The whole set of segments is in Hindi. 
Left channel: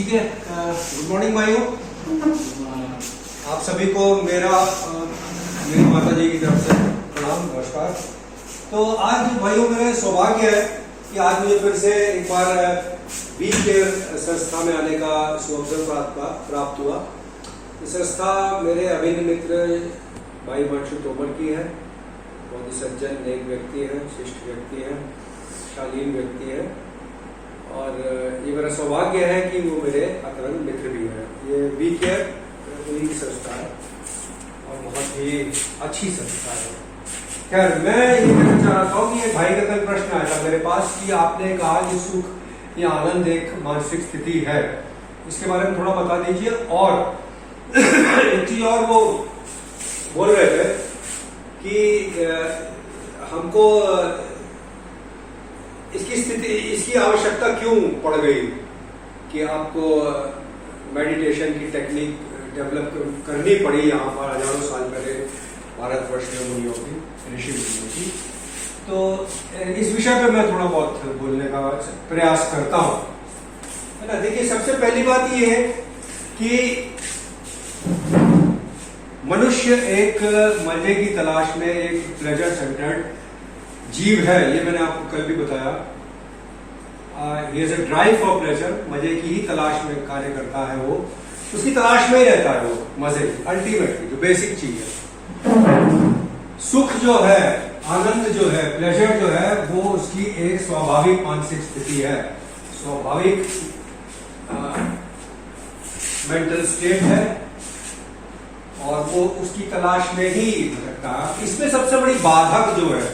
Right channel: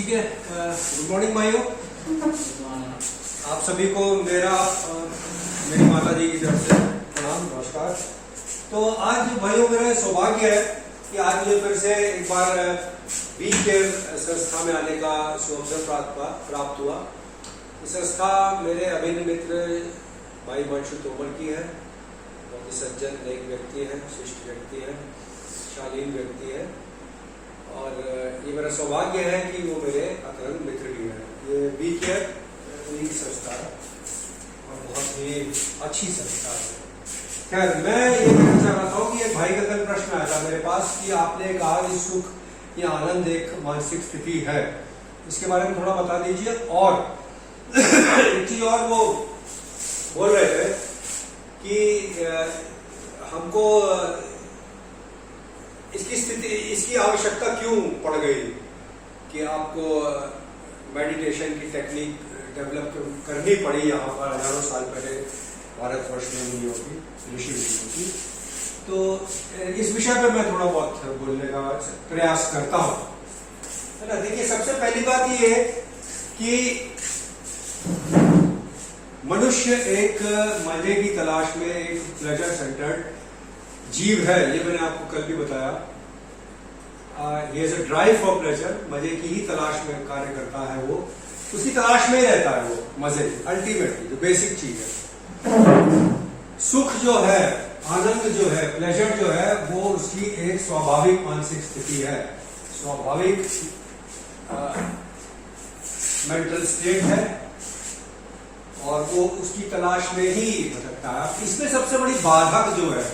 ठीक है। गुड मॉर्निंग भाइयों, आप सभी को मेरी माता जी की तरफ से प्रणाम, नमस्कार। तो आज भाइयों मेरा सौभाग्य है कि आज मुझे फिर से एक बार बी केयर संस्था में आने का सुअवसर प्राप्त हुआ। ये संस्था मेरे अभिन्न मित्र भाई वंशु तोमर की है। बहुत ही सज्जन नेक व्यक्ति है, शिष्ट व्यक्ति है, शालीन व्यक्ति है और ये मेरा सौभाग्य है कि वो मेरे अतरंग मित्र भी हैं। ये बी केयर उन्हीं की संस्था है और बहुत ही अच्छी संस्था है। खैर, मैं ये कहना चाह रहा हूँ कि ये भाई का कल प्रश्न आया था मेरे पास कि आपने कहा कि सुख या आनंद एक मानसिक स्थिति है, इसके बारे में थोड़ा बता दीजिए। और एक चीज और वो बोल रहे थे कि हमको इसकी आवश्यकता क्यों पड़ गई कि आपको मेडिटेशन की टेक्निक डेवलप करनी पड़ी यहाँ पर हजारों साल पहले भारतवर्ष में मुनियों की, ऋषि मुनियों की। तो इस विषय पे मैं थोड़ा बहुत बोलने का प्रयास करता हूँ, है ना। देखिए, सबसे पहली बात ये है कि मनुष्य एक मजे की तलाश में, एक प्लेजर सेंटर्ड जीव है। ये मैंने आपको कल भी बताया। He has a drive for pleasure, मजे की ही तलाश में कार्य करता है। वो उसकी तलाश में ही रहता है, वो मजे की अल्टीमेटली जो बेसिक चीज है। सुख जो है, आनंद जो है, प्लेजर जो है, वो उसकी एक स्वाभाविक मानसिक स्थिति है, स्वाभाविक मेंटल स्टेट है और वो उसकी तलाश में ही भटकता है। इसमें सबसे बड़ी बाधक जो है,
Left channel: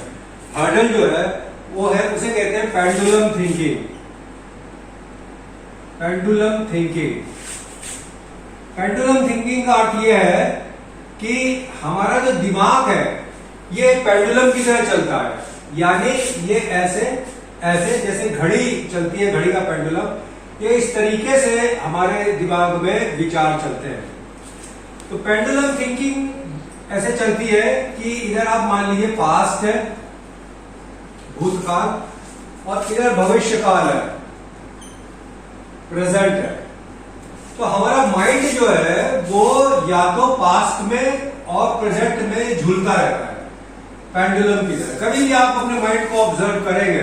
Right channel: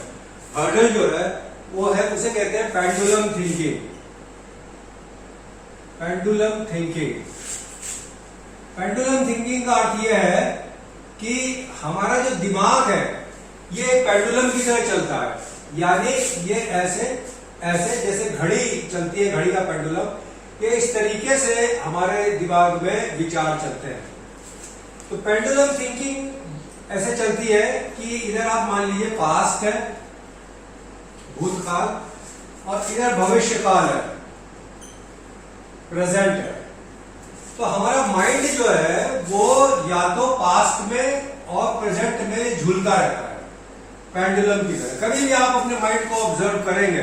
हर्डल जो है, वो है, उसे कहते हैं pendulum thinking. Pendulum thinking, pendulum thinking का अर्थ यह है कि हमारा जो दिमाग है ये पेंडुलम की तरह चलता है। यानी ये ऐसे ऐसे जैसे घड़ी चलती है, घड़ी का पेंडुलम, ये इस तरीके से हमारे दिमाग में विचार चलते हैं। तो पेंडुलम थिंकिंग ऐसे चलती है कि इधर आप मान लीजिए पास्ट है, भूतकाल, और इधर भविष्य काल है, प्रेजेंट है। तो हमारा माइंड जो है वो या तो पास्ट में और प्रेजेंट में झूलता रहता है, पेंडुलम की तरह। कभी भी आप अपने माइंड को ऑब्जर्व करेंगे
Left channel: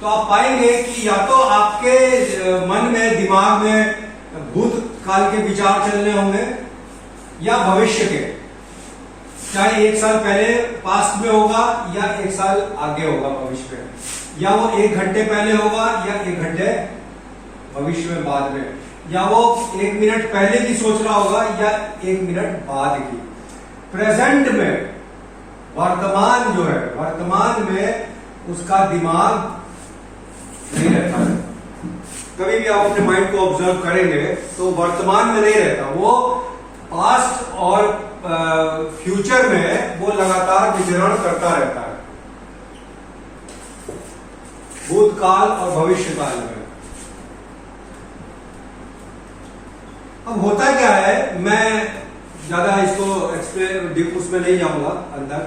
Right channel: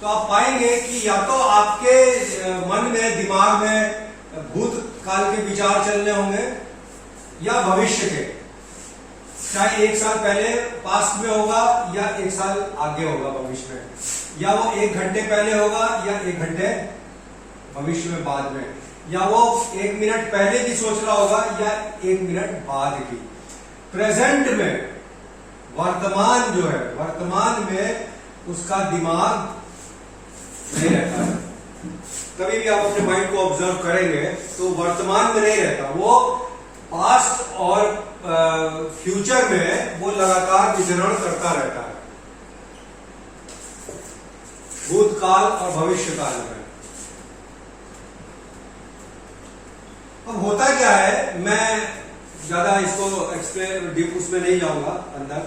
तो आप पाएंगे कि या तो आपके मन में, दिमाग में भूतकाल के विचार चल रहे होंगे या भविष्य के, चाहे 1 साल पहले पास्ट में होगा या 1 साल आगे होगा भविष्य में, या वो 1 घंटे पहले होगा या 1 घंटे भविष्य में बाद में, या वो 1 मिनट पहले की सोच रहा होगा या 1 मिनट बाद की। प्रेजेंट में, वर्तमान जो है, वर्तमान में उसका दिमाग नहीं रहता है। कभी भी आप अपने माइंड को ऑब्जर्व करेंगे तो वर्तमान में नहीं रहता, वो पास्ट और फ्यूचर में वो लगातार विचरण करता रहता है, भूतकाल और भविष्य काल में। अब होता क्या है, मैं ज्यादा इसको एक्सप्लेन डीप उसमें नहीं जाऊंगा अंदर।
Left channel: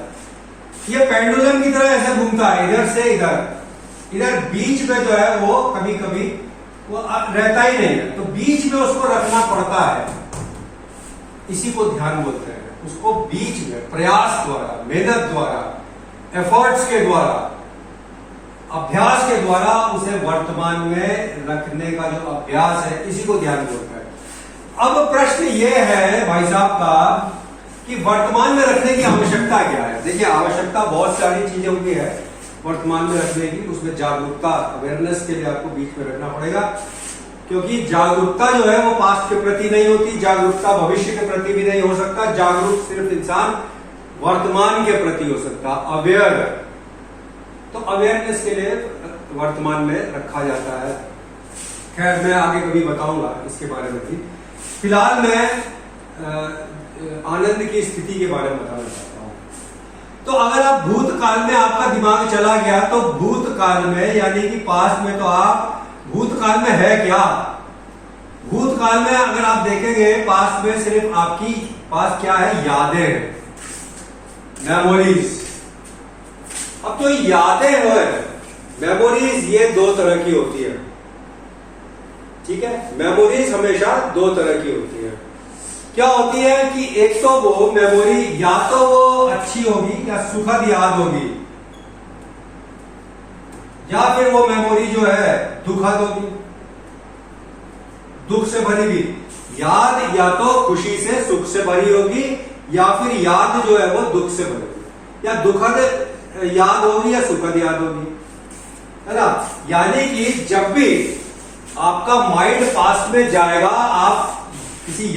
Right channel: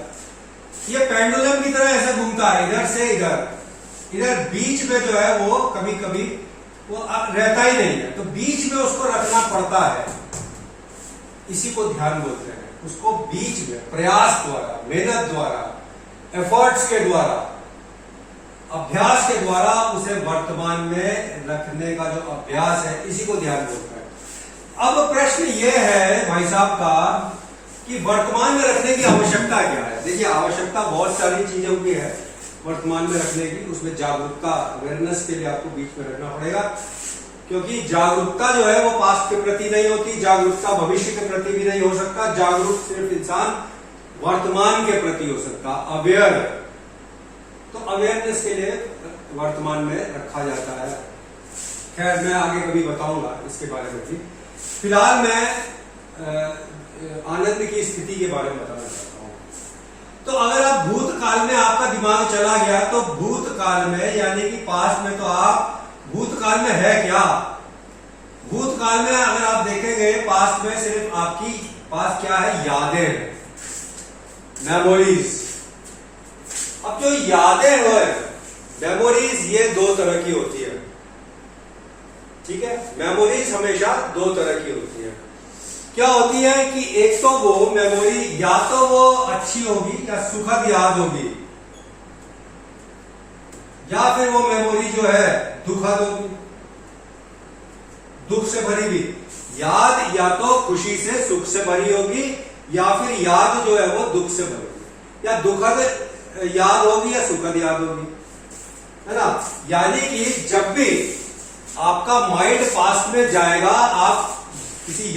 ये पेंडुलम की तरह ऐसे घूमता है, इधर से इधर, इधर बीच में जो है वो कभी कभी वो रहता ही नहीं है, तो बीच में उसको रखना पड़ता है। इसी को ध्यान बोलते हैं। उसको बीच में प्रयास द्वारा, मेहनत द्वारा, एफर्ट्स के द्वारा, अभ्यास के द्वारा उसे वर्तमान में रखने का जो अभ्यास है, इसी को ध्यान बोलते हैं। अब प्रश्न यह है भाई साहब का कि वर्तमान में रखने की आवश्यकता क्या है। देखिए, आवश्यकता बहुत सारी चीजों की है वर्तमान में रखने की। उसमें जागरूकता, अवेयरनेस के लिए आपको बीच में रखना पड़ेगा, क्योंकि जागरूकता जो है वो पास्ट के प्रति नहीं होती, जागरूकता भविष्य के प्रति भी नहीं हो सकता। जागरूक सिर्फ इंसान वर्तमान के प्रति हो सकता, अवेयर है। तो अवेयरनेस के लिए वर्तमान में रखा जाता है। खैर, मैं आगे कभी बताऊंगा इसके बारे में भी। फिलहाल मैं आनंद की स्थिति के बारे में बताना चाहता हूं। तो अगर आप भूतकाल में, आपका दिमाग चला गया, तो भूतकाल में यानी कि पास्ट में, तो आप भूतकाल में है क्या? भूतकाल में अगर आप देखेंगे, पास्ट में सिर्फ आपकी पास क्या है? यादें, मेमोरीज। अब जो यादें हैं, मेमोरीज, ये 2 तरह की होती है। ठीक है। मेमोरीज हमेशा दो तरह की होती है। क्या होती है कि एक तो वो मेमोरी या तो वो अच्छी होगी या सुखद याद होगी, या फिर वो मेमोरी जो है दुखद होगी, दुख से भरी हुई याद या तो खुशी से सुख से भरी होगी, या फिर याद जो है वो दुख से भरी होगी, या दुखद याद होगी या सुखद याद होगी, है ना। यानी कि जब भी आपका माइंड पास्ट में जाएगा, आप किसी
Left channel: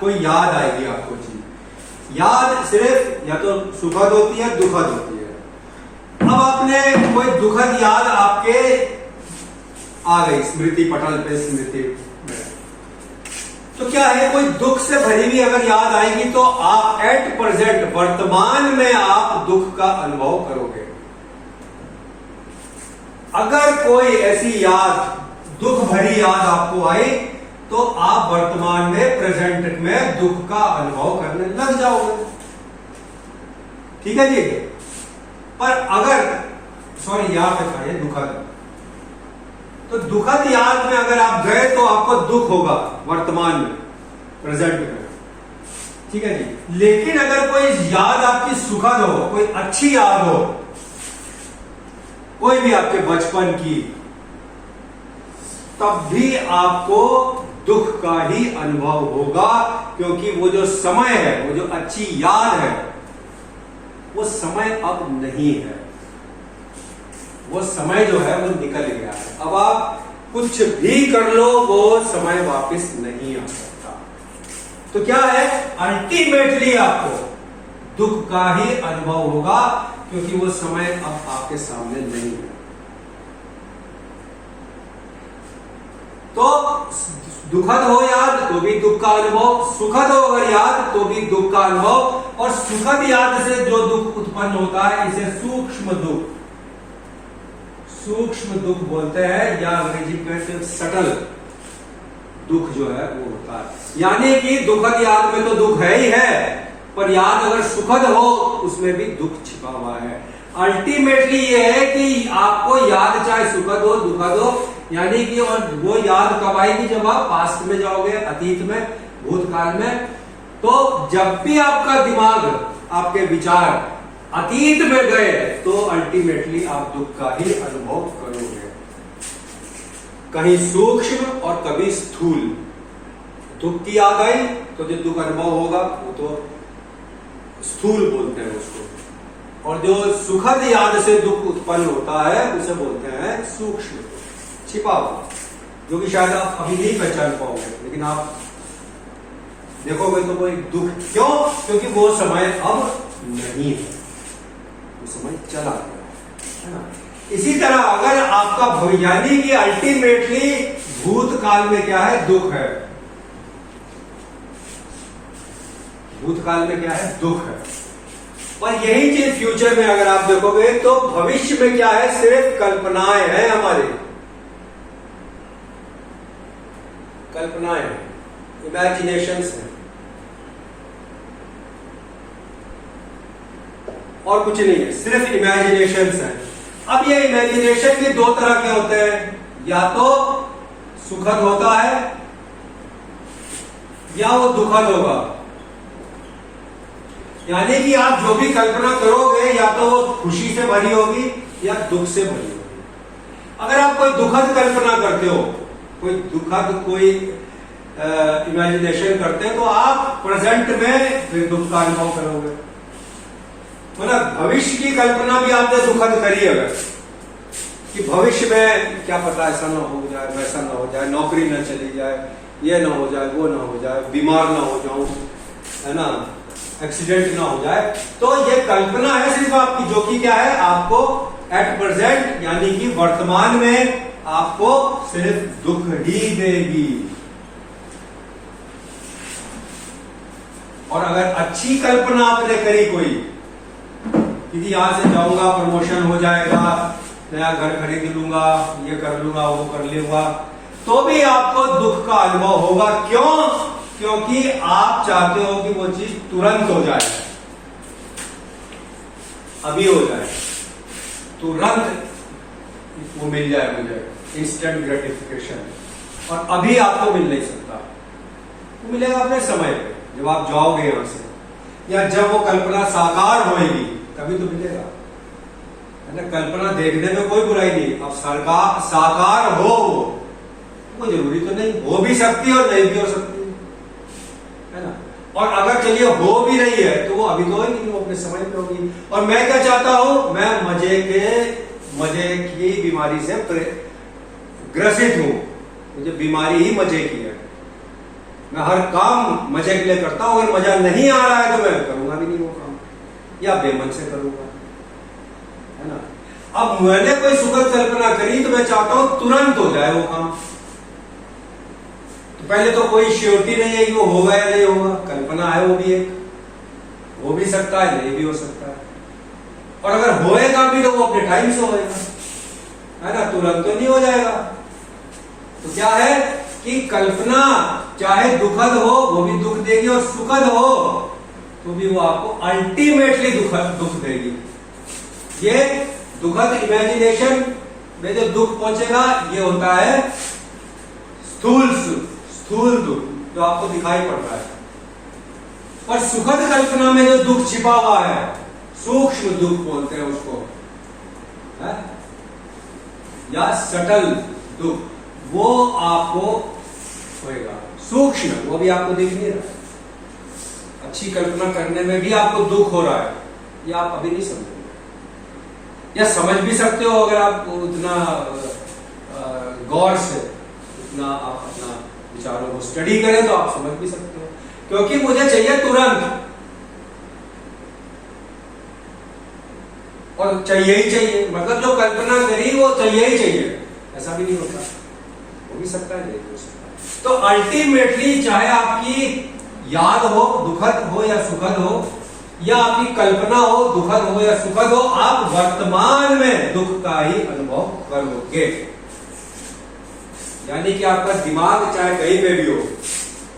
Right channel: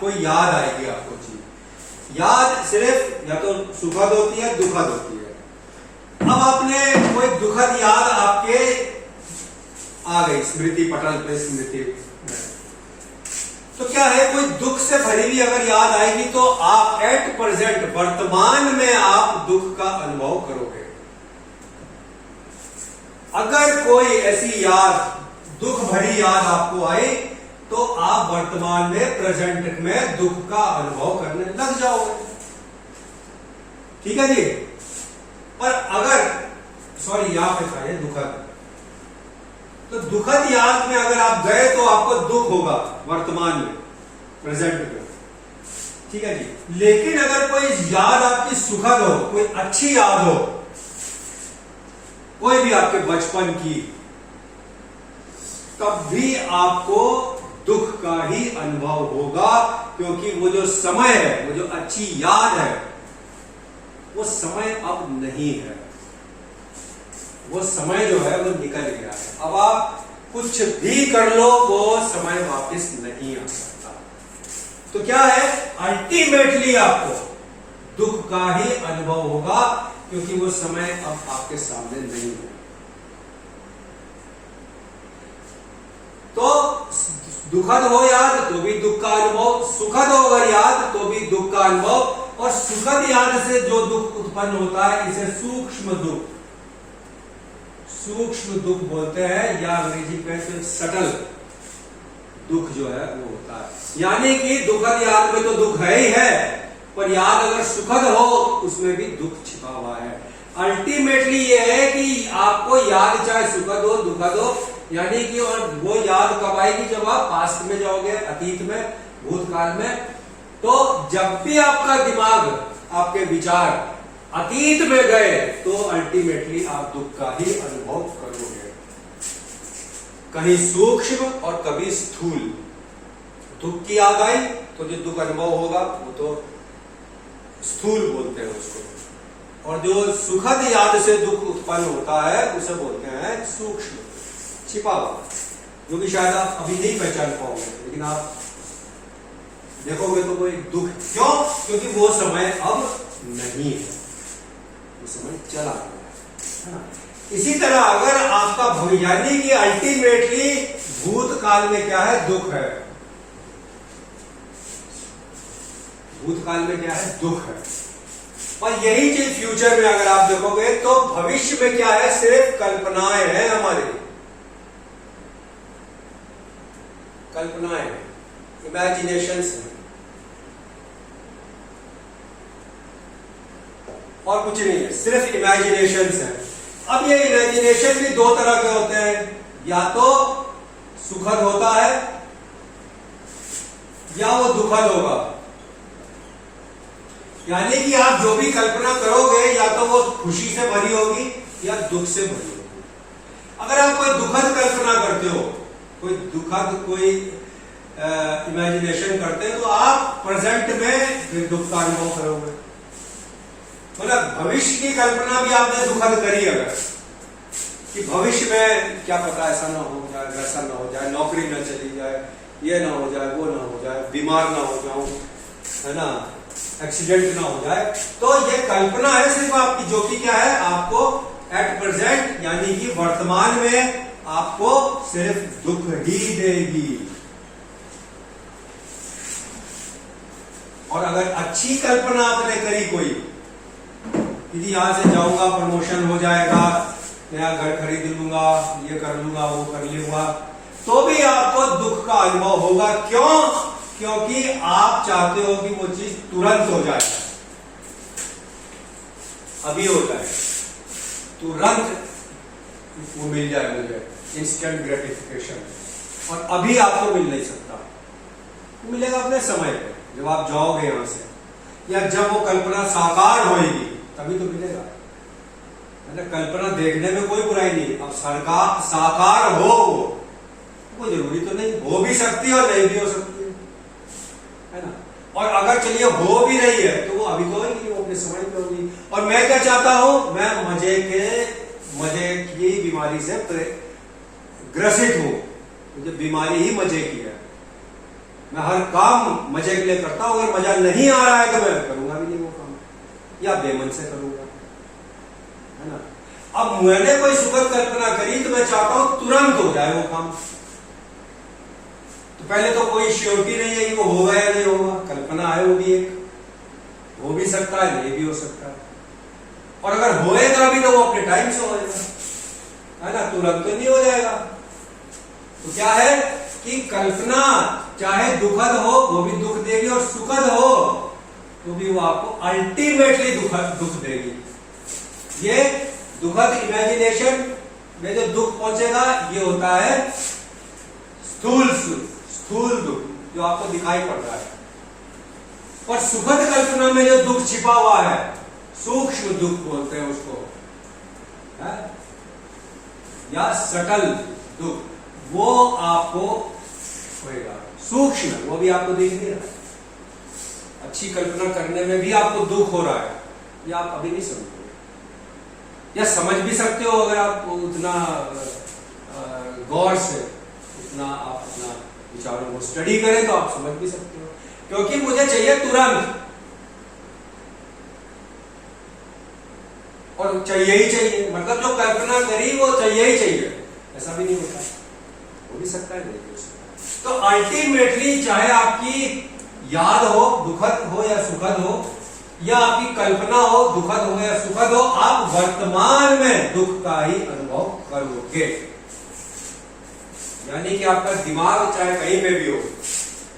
कोई याद आएगी आपको चीज, याद सिर्फ या तो सुखद होती है दुखद होती है। अब आपने कोई दुखद याद आपके आ गई स्मृति पटल पे, स्मृति में, तो क्या है, कोई दुख से भरी हुई अगर याद आएगी तो आप एट प्रेजेंट वर्तमान में आप दुख का अनुभव करोगे। अगर कोई ऐसी याद दुख भरी याद आपको आए तो आप वर्तमान में प्रेजेंट में दुख का अनुभव करने लग जाओगे, ठीक है जी। पर अगर यहाँ पे था ये दुखद, तो दुखद याद में अगर आप गए तो आपको दुख होगा वर्तमान में, प्रेजेंट में, ठीक है जी। लेकिन अगर कोई याद आपकी सुखद हो, कोई अच्छी याद हो, कोई भी आपके बचपन की, तब भी आपको दुख का ही अनुभव होगा, क्योंकि वो जो समय है, वो जो अच्छी याद है, वो समय अब नहीं है, वो समय जो है वो निकल गया है। अब आप कुछ भी कर लो वो समय वापस नहीं आ सकता। तो क्या है, अल्टीमेटली आपको दुख का ही अनुभव होगा, क्योंकि वो समय अब आपके सामने नहीं है। तो दुखद हो याद तो भी दुख का अनुभव, सुखद हो अगर याद तो भी दुख का अनुभव, और सुखद याद से जो दुख उत्पन्न होता है इसे सूक्ष्म दुख, सूक्ष्म दुख बोलते हैं, या अंग्रेजी में सटल दुख जो है वो होता है। यानी कि दुखद याद में तो दुख है ही है, पर याद अगर सुखद हो उसमें भी दुख छिपा हुआ है। अल्टीमेटली ये है कि आपको याद चाहे सुखद हो दुखद हो, यानी कि और वो याद कब आएगी, जब आप पास्ट में जाओगे, अतीत में, भूतकाल में। तो जब भी आपका दिमाग, आपके विचार अतीत में गए तो अल्टीमेटली आप दुख का ही अनुभव करोगे, कहीं सूक्ष्म और कभी स्थूल। दुख की याद आई तो जो दुख अनुभव होगा वो तो स्थूल बोलते हैं उसको, और जो सुखद याद से दुख उत्पन्न होता है उसे बोलते हैं सूक्ष्म, छिपा हुआ, जो कि शायद आप अभी नहीं पहचान पाओगे, लेकिन आप देखोगे तो कोई दुख, क्यों, क्योंकि वो समय अब नहीं है, वो समय चला गया है ना। इसी तरह अगर आपका, यानी कि अल्टीमेटली भूतकाल में क्या है, दुख है, भूतकाल में क्या है, दुख है। और यही चीज फ्यूचर में अगर आप देखोगे तो भविष्य में क्या है, सिर्फ कल्पनाएं हैं हमारी, कल्पनाएं, इमेजिनेशंस हैं, और कुछ नहीं है, सिर्फ इमेजिनेशंस हैं। अब ये इमेजिनेशन भी दो तरह के होते हैं, या तो सुखद होता है या वो दुखद होगा। यानी कि आप जो भी कल्पना करोगे या तो वो खुशी से भरी होगी या दुख से भरी होगी। अगर आप कोई दुखद कल्पना करते हो, कोई दुखद कोई इमेजिनेशन करते हैं, तो आप प्रेजेंट में फिर दुख का अनुभव करोगे। मतलब भविष्य की कल्पना भी आपने दुखद करी अगर, कि भविष्य में क्या पता ऐसा ना हो जाए, वैसा ना हो जाए, नौकरी ना चली जाए, ये ना हो जाए, वो ना हो जाए, बीमार ना हो जाऊं, है ना, एक्सीडेंट ना हो जाए। तो ये कल्पना है सिर्फ आपकी, जो कि क्या है, आपको एट प्रेजेंट यानी कि वर्तमान में आपको सिर्फ दुख ही देगी। और अगर अच्छी कल्पना आपने करी कोई, कि यहां से जाऊंगा, प्रमोशन हो जाएगा, नया घर खरीद लूंगा, ये कर लूंगा, वो कर लूंगा, तो भी आपको दुख का अनुभव होगा। क्यों? क्योंकि आप चाहते हो कि वो चीज तुरंत हो जाए, अभी हो जाए, तुरंत वो मिल जाए मुझे, इंस्टेंट ग्रेटिफिकेशन। और अभी आपको मिल नहीं सकता। वो मिलेगा अपने समय पे, जब आप जाओगे यहां से, या जब वो कल्पना साकार होएगी तभी तो मिलेगा, है ना। कल्पना देखने में कोई बुराई नहीं, अब सरकार साकार हो कोई जरूरी तो नहीं, हो भी सकती है और नहीं भी हो सकती है ना। और अगर चलिए हो भी रही है तो वो अभी तो होगी, वो अपने समय पे होगी। और मैं क्या चाहता हूं, मैं मजे की बीमारी से ग्रसित हूं, मुझे बीमारी ही मजे की है। मैं हर काम मजे के लिए करता हूं, अगर मजा नहीं आ रहा है तो मैं करूंगा भी नहीं वो काम, या बेमन से करूंगा, है ना। अब मैंने कोई सुखद कल्पना करी तो मैं चाहता हूं तुरंत हो जाए वो काम। तो पहले तो कोई श्योरिटी नहीं है कि वो होगा या नहीं होगा, कल्पना है, वो भी एक हो भी सकता है, नहीं भी हो सकता है। और अगर होएगा भी तो वो अपने टाइम से होएगा, है ना, तुरंत तो नहीं हो जाएगा। तो क्या है कि कल्पना चाहे दुखद हो वो भी दुख देगी, और सुखद हो तो भी वो आपको अल्टीमेटली दुख देगी। ये दुखद इमेजिनेशन में जो दुख पहुंचेगा ये होता है स्थूल दुख, जो आपको दिखाई पड़ रहा है। और सुखद कल्पना में जो दुख छिपा हुआ है, सूक्ष्म दुख बोलते हैं उसको, है? या सटल दुख, वो आपको होएगा। सूक्ष्म, वो भी आपको दिख नहीं रहा। अच्छी कल्पना करने में भी आपको दुख हो रहा है, ये आप अभी नहीं समझते, या समझ भी सकते हो अगर आप उतना गौर से, उतना आप अपना विचारों को स्टडी करें तो आप समझ भी सकते हो। क्योंकि मुझे चाहिए तुरंत, और चाहिए ही चाहिए, मतलब जो कल्पना करी वो चाहिए ही चाहिए, ऐसा भी नहीं होता, हो भी सकता है, नहीं हो सकता। तो अल्टीमेटली चाहे आपकी याद हो, दुखद हो या सुखद हो, या आपकी कल्पना हो, दुखद हो या सुखद हो, आप वर्तमान में दुख का ही अनुभव करोगे। यानी कि आपका दिमाग चाहे कहीं में भी हो,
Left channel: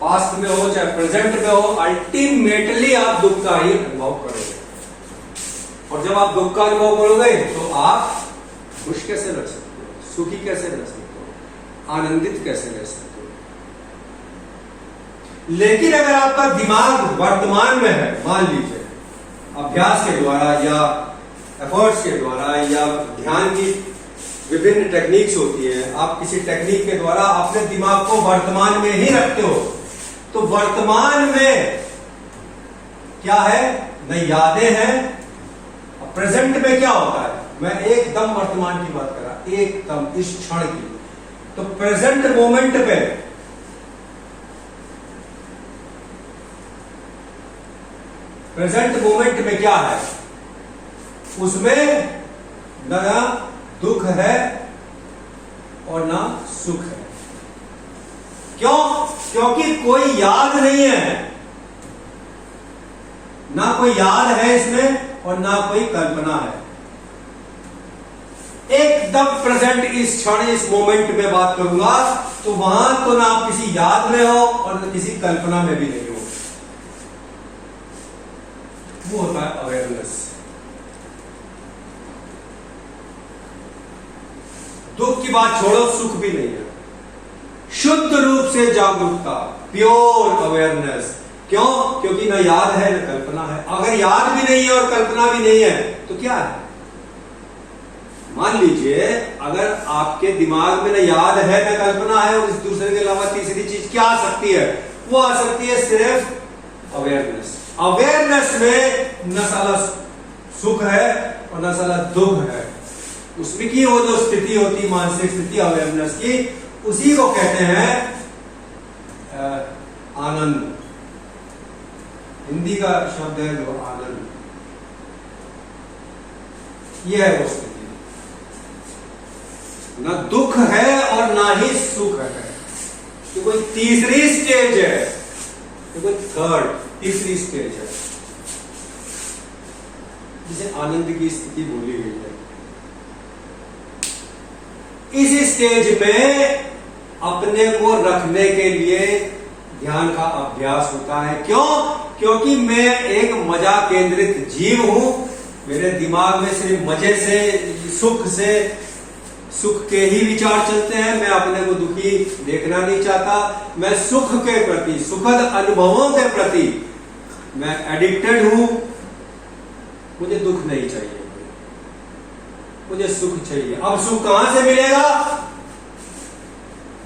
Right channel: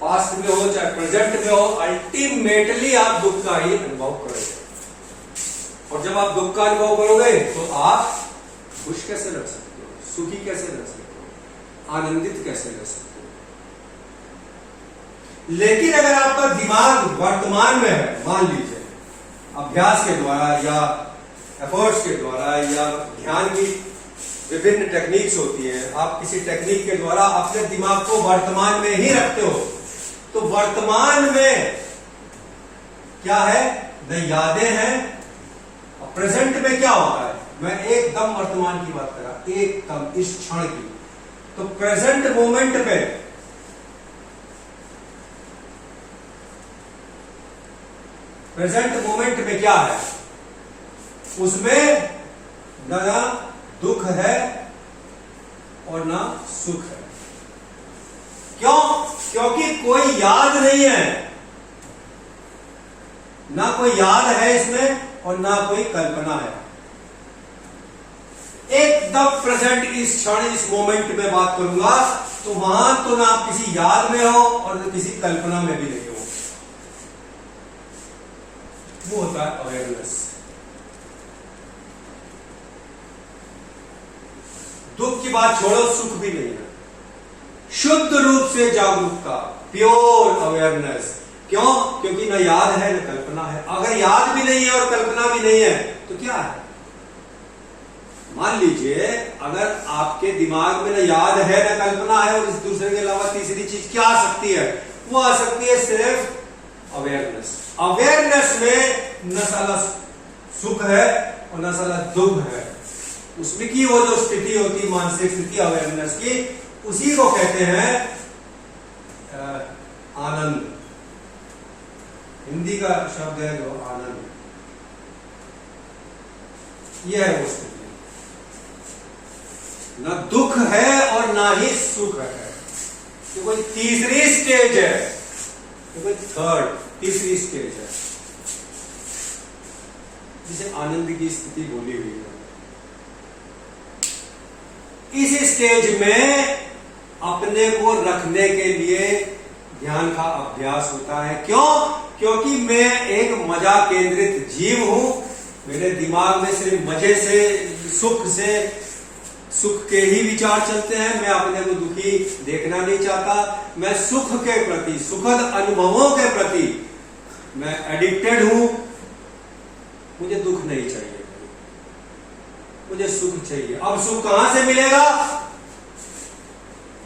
पास्ट में हो चाहे प्रेजेंट में हो, अल्टीमेटली आप दुख का ही अनुभव करोगे। और जब आप दुख का अनुभव करोगे तो आप खुश कैसे रह सकते हो, सुखी कैसे रह सकते हो, आनंदित कैसे रह सकते हो। लेकिन अगर आपका दिमाग वर्तमान में है, मान लीजिए अभ्यास के द्वारा या एफर्ट्स के द्वारा या ध्यान की विभिन्न टेक्निक्स होती है, आप किसी टेक्निक के द्वारा अपने दिमाग को वर्तमान में ही रखते हो, तो वर्तमान में क्या है, न यादें हैं। प्रेजेंट में क्या होता है, मैं एकदम वर्तमान की बात कर रहा, एकदम इस क्षण की। तो प्रेजेंट मोमेंट पे क्या है, उसमें ना दुख है और ना सुख है। क्यों? क्योंकि कोई याद नहीं है, ना कोई याद है इसमें और ना कोई कल्पना है। एकदम प्रेजेंट, इस क्षण, इस मोमेंट में बात करूंगा तो वहां तो ना आप किसी याद में हो और ना किसी कल्पना में भी नहीं हो। वो होता है अवेयरनेस। दुख की बात छोड़ो, सुख भी नहीं है। शुद्ध रूप से जागरूकता, प्योर अवेयरनेस। क्यों? क्योंकि न याद है न कल्पना है। अगर याद भी नहीं है और कल्पना भी नहीं है तो क्या है? मान लीजिए अगर आपके दिमाग में न याद है न कल्पना है और इस दूसरे के अलावा तीसरी चीज क्या आ सकती है? वो आ सकती है सिर्फ अवेयरनेस। अवेयरनेस में न साला सुख है और न साला दुख है। उसमें की वो जो स्थिति होती, मानसिक स्थिति अवेयरनेस की, उसी को कहते हैं आनंद। हिंदी का शब्द है जो आनंद, ये है वो स्थिति। न दुख है और ना ही सुख है। ये कोई तीसरी स्टेज है, ये कोई तीसरी स्टेज है जिसे आनंद की स्थिति बोली गई है। इस स्टेज में अपने को रखने के लिए ध्यान का अभ्यास होता है। क्यों? क्योंकि मैं एक मजा केंद्रित जीव हूं। मेरे दिमाग में सिर्फ मजे से, सुख से सुख के ही विचार चलते हैं। मैं अपने को दुखी देखना नहीं चाहता। मैं सुख के प्रति, सुखद अनुभवों के प्रति मैं एडिक्टेड हूं। मुझे दुख नहीं चाहिए, मुझे सुख चाहिए। अब सुख कहां से मिलेगा?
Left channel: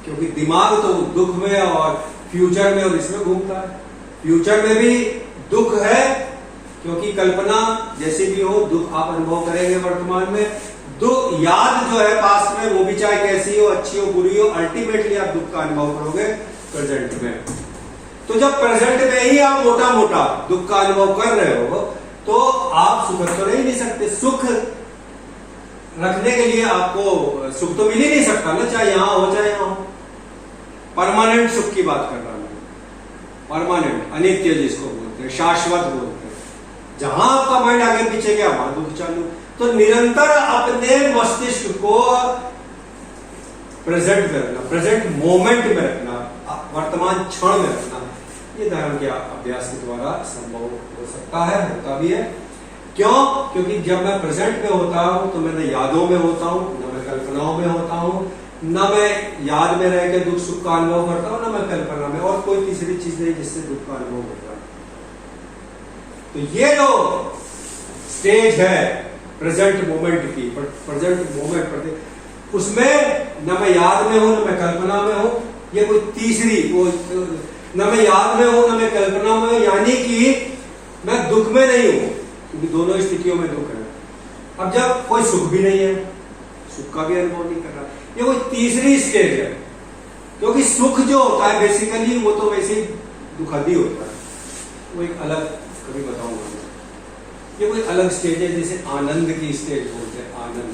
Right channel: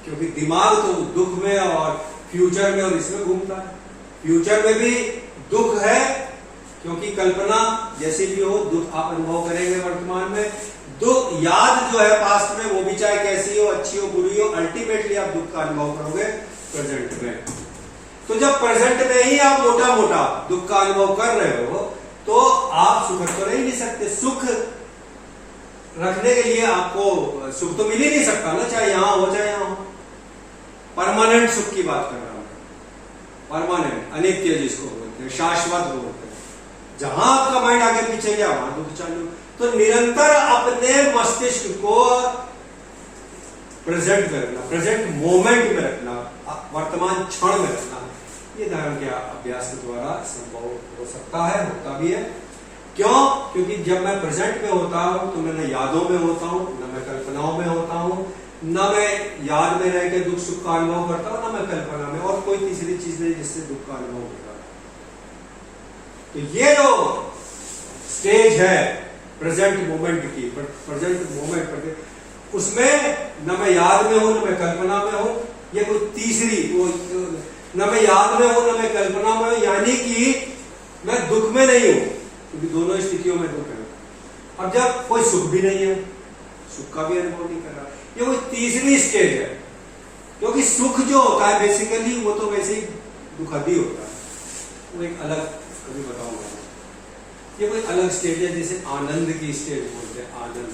क्योंकि दिमाग तो दुख में और फ्यूचर में और इसमें घूमता है। फ्यूचर में भी दुख है, क्योंकि कल्पना जैसे भी हो दुख आप अनुभव करेंगे वर्तमान में। दुख याद जो है पास्ट में, वो भी चाहे कैसी हो, अच्छी हो, बुरी हो, अल्टीमेटली आप दुख का अनुभव करोगे प्रेजेंट में। तो जब प्रेजेंट में ही आप मोटा मोटा दुख का अनुभव कर रहे हो तो आप सुख तो रह नहीं सकते। सुख रखने के लिए आपको सुख तो मिल ही नहीं सकता ना, चाहे यहां हो चाहे यहां हो। परमानेंट सुख की बात कर रहा हूं, परमानेंट, अनित्य जिसको बोलते हैं, शाश्वत बोलते हैं। जहां आपका माइंड आगे पीछे गया वहां दुख चालू। तो निरंतर अपने मस्तिष्क को प्रेजेंट में रखना, प्रेजेंट मोमेंट में रखना, वर्तमान क्षण में रखना, ये धर्म के अभ्यास के द्वारा संभव हो सकता है, होता भी है। क्यों? क्योंकि जब मैं प्रेजेंट में होता हूं तो मैं न यादों में होता हूं, न मैं कल्पनाओं में होता हूं, न मैं याद में रह के दुख सुख का अनुभव करता हूं, न मैं कल्पना में, और कोई तीसरी चीज नहीं जिससे दुख का अनुभव होता। तो ये जो स्टेज है प्रेजेंट मोमेंट की, प्रेजेंट मोमेंट, उसमें न मैं याद में हूं न मैं कल्पना में हूं। ये कोई तीसरी, वो न मैं याद में हूं न मैं कल्पना में हूं, यानी कि मैं दुख में नहीं हूं, क्योंकि दोनों स्थितियों में दुख है। अब जब कोई सुख भी नहीं है, सुख का भी अनुभव नहीं कर रहा, ये कोई तीसरी स्टेज है। क्योंकि सुख जो होता है बेसिकली वो तो वैसे ही दुखद ही होता है, वो एक अलग, कभी बताऊंगा। ये कोई अलग स्टेज है, जैसे आनंद की स्टेज बोलते हैं। आनंद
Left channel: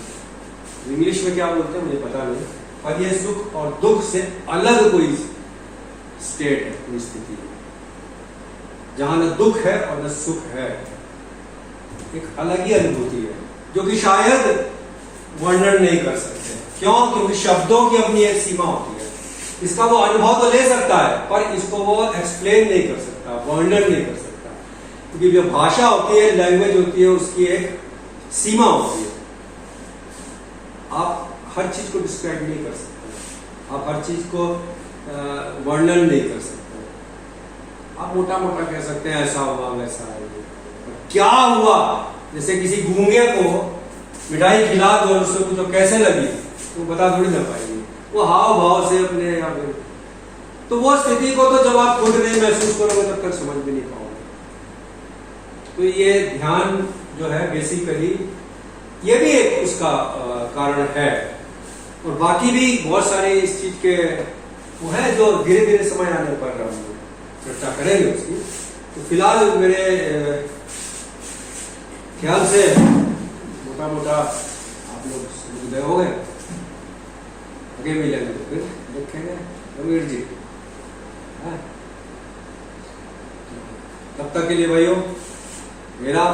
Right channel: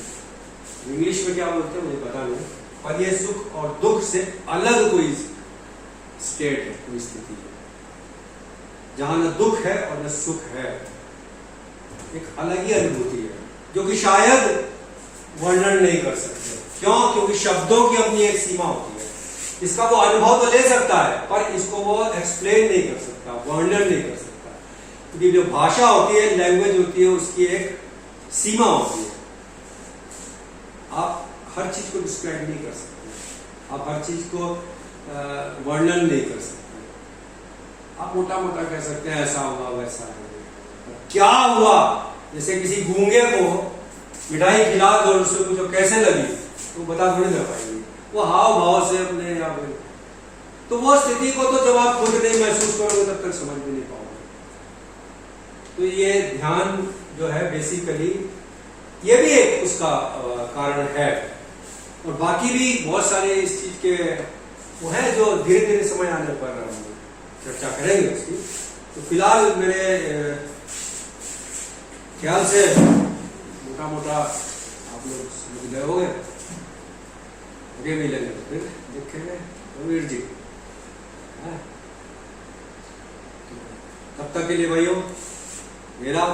इंग्लिश में क्या बोलते हैं मुझे पता नहीं, पर यह सुख और दुख से अलग कोई स्टेट है, कोई स्थिति है, जहां न दुख है और न सुख है। एक अलग ही अनुभूति है जो कि शायद वर्णन नहीं कर सकते। क्यों? क्योंकि शब्दों की अपनी एक सीमा होती है। इसका वो अनुभव तो ले सकता है, पर इसको वो एक्सप्लेन नहीं कर सकता, वर्णन नहीं कर सकता। क्योंकि जो भाषा होती है, लैंग्वेज होती है, उसकी एक सीमा होती है। आप हर चीज को डिस्क्राइब नहीं कर सकते, आप हर चीज को वर्णन नहीं कर सकते। आप मोटा मोटा कह सकते हैं ऐसा हुआ वैसा है। क्या हुआ? जैसे किसी गूंगे को मिठाई खिला दो और उसको पूछो कैसे लगी, तो बता थोड़ी ना पाएंगे, वो हाव भाव से अपने या तो वो स्थिति को तो जब आप खुद नहीं महसूस करोगे तब तक समझ भी नहीं पाओगे। तो ये ध्यान जो है बेसिकली ये भी एक उसका कारण है। और बाकी भी बहुत सारे इस चीज के वो है जो धीरे धीरे समय आने पर हम चर्चा करेंगे उसकी। तो फिलहाल मेरे ख्याल से मोटा मोटा आप लोग समझ गए होंगे। आगे मिलेंगे तो फिर देखेंगे रवीर जी। तब तक के लिए भाइयों मेरा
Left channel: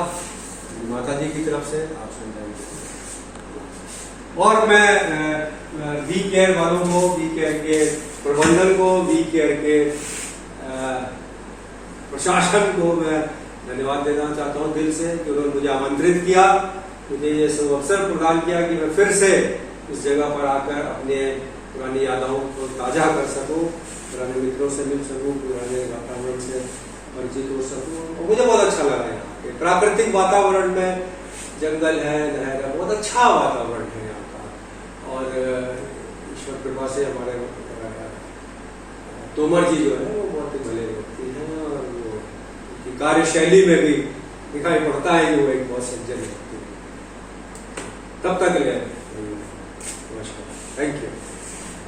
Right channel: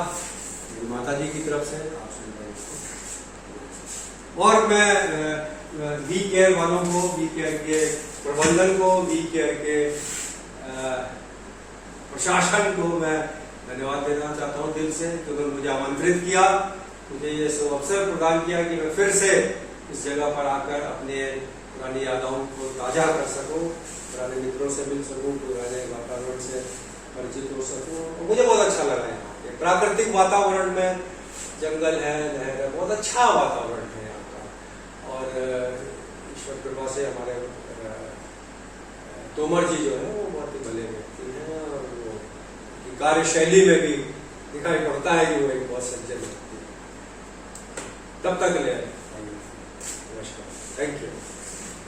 माता जी की तरफ से आप सुन रहे हैं। और मैं वी केयर वालों को, वी केयर के प्रबंधन को, वी केयर के प्रशासन को मैं धन्यवाद देना चाहता हूं दिल से कि उन्होंने मुझे आमंत्रित किया, मुझे ये सब अवसर प्रदान किया कि मैं फिर से इस जगह पर आकर अपने पुरानी यादों को ताजा कर सकूं, पुराने मित्रों से मिल सकूं, पुराने वातावरण से परिचित हो सकूं। और मुझे बहुत अच्छा लगा यहाँ पे प्राकृतिक वातावरण में, जंगल है, नहर है, बहुत अच्छा वातावरण है यहाँ का। और ईश्वर कृपा से हमारे तोमर जी जो है वो बहुत ही भले व्यक्ति हैं और वो कार्यशैली में भी दिखाई पड़ता है कि वो एक बहुत सज्जन व्यक्ति है। तब तक ले नमस्कार, थैंक यू।